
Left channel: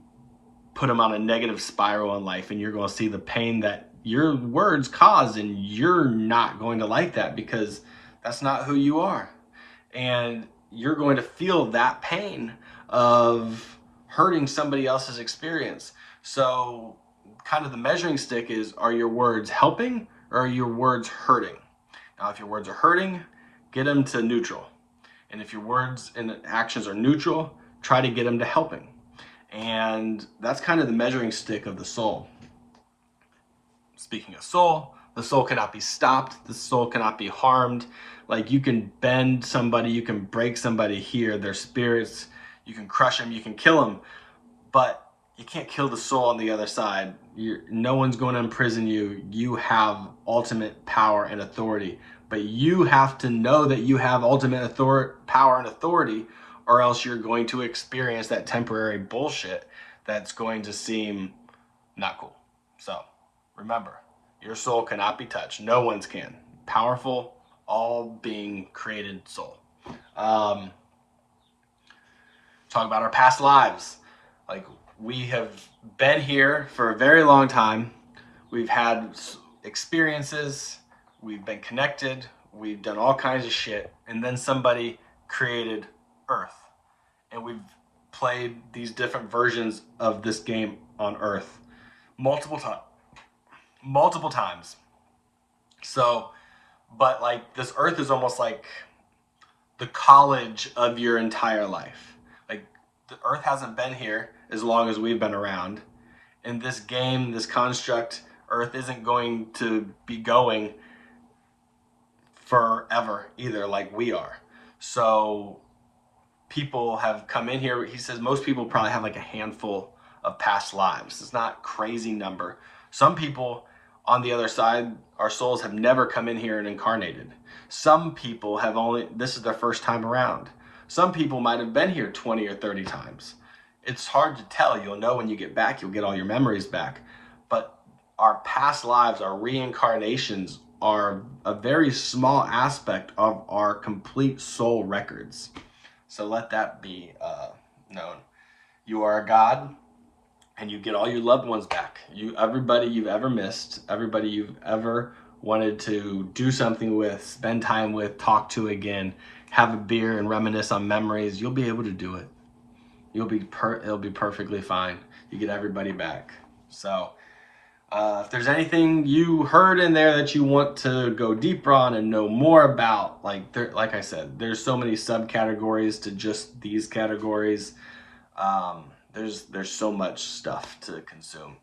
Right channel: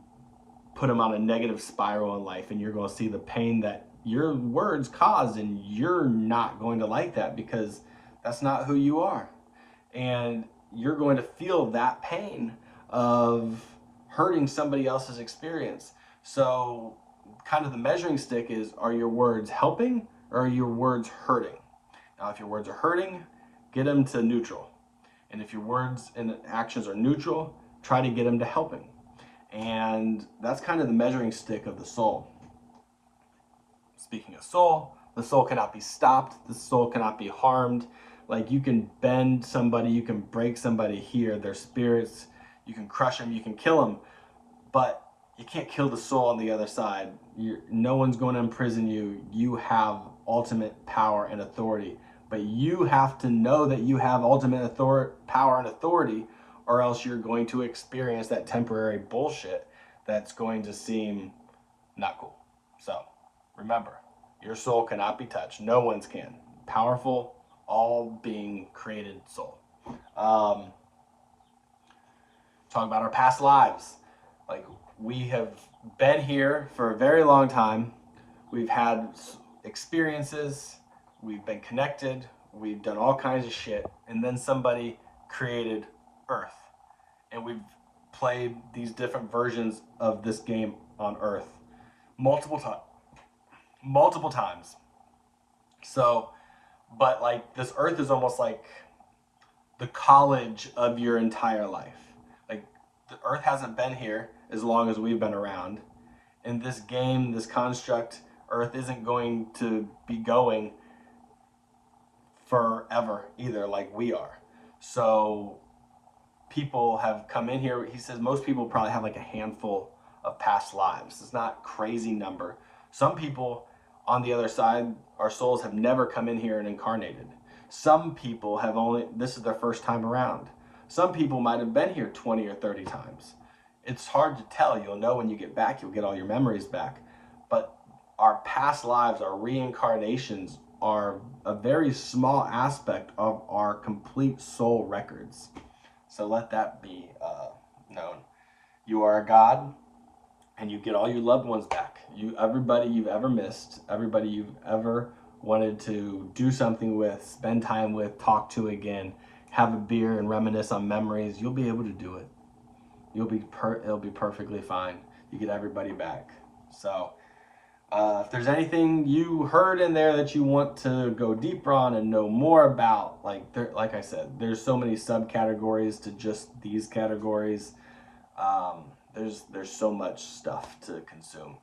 put them on a negative spiral in life, and you're going to see the pain that your words caused, and you're not going to like that because that's not who you are. And you're going to feel that pain of hurting somebody else's experience. So kind of the measuring stick is, are your words helping or are your words hurting? Now, if your words are hurting, get them to neutral. And if your words and actions are neutral, try to get them to helping. And that's kind of the measuring stick of the soul. Speaking of soul, the soul cannot be stopped. The soul cannot be harmed. Like, you can bend somebody, you can break somebody here, their spirits, you can crush them, you can kill them, but you can't kill the soul on the other side. No one's going to imprison you. You have ultimate power and authority, but you have to know that you have ultimate power and authority, or else you're going to experience that temporary bullshit that's going to seem not cool. So remember, your soul cannot be touched. No one's can. Powerful, all being created soul. Talk about our past lives. Like, we have been here for a very long time. We've had experiences. We've been connected. We've done all kinds of shit. And then somebody created Earth. And we've played these different versions of this game on Earth multiple times. So, but like, this Earth is almost like the college of your entire life. Like, the Earth hasn't been here as long as we've been around. In this game, this construct, Earth isn't going to be going forever either, like we are. So people have come in here. He says most people probably have like a handful of past lives. It's not a crazy number. Some people on the other side, our souls have never come in here and incarnated. Some people have this is their first time around. Some people might have been here 20 or 30 times. It's hard to tell. You'll know when you get back. You'll get all your memories back. But our past lives, our reincarnations, are a very small aspect of our complete soul records. So let that be known. You are a God, and you get all your loved ones back. Everybody you've ever missed, everybody you've ever wanted to do something with, spend time with, talk to again, have a beer and reminisce on memories, you'll be able to do it. It'll be perfectly fine. You get everybody back. So If there's anything you heard in there that you want to go deeper on and know more about, like I said, there's so many subcategories to just these categories. There's so much stuff to consume.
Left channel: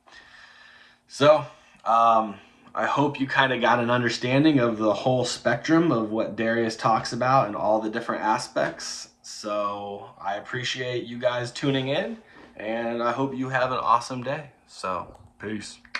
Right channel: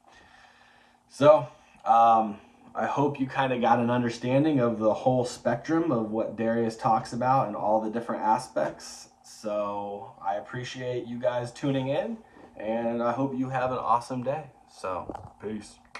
So I hope you kind of got an understanding of the whole spectrum of what Darius talks about and all the different aspects. So I appreciate you guys tuning in, and I hope you have an awesome day. So peace.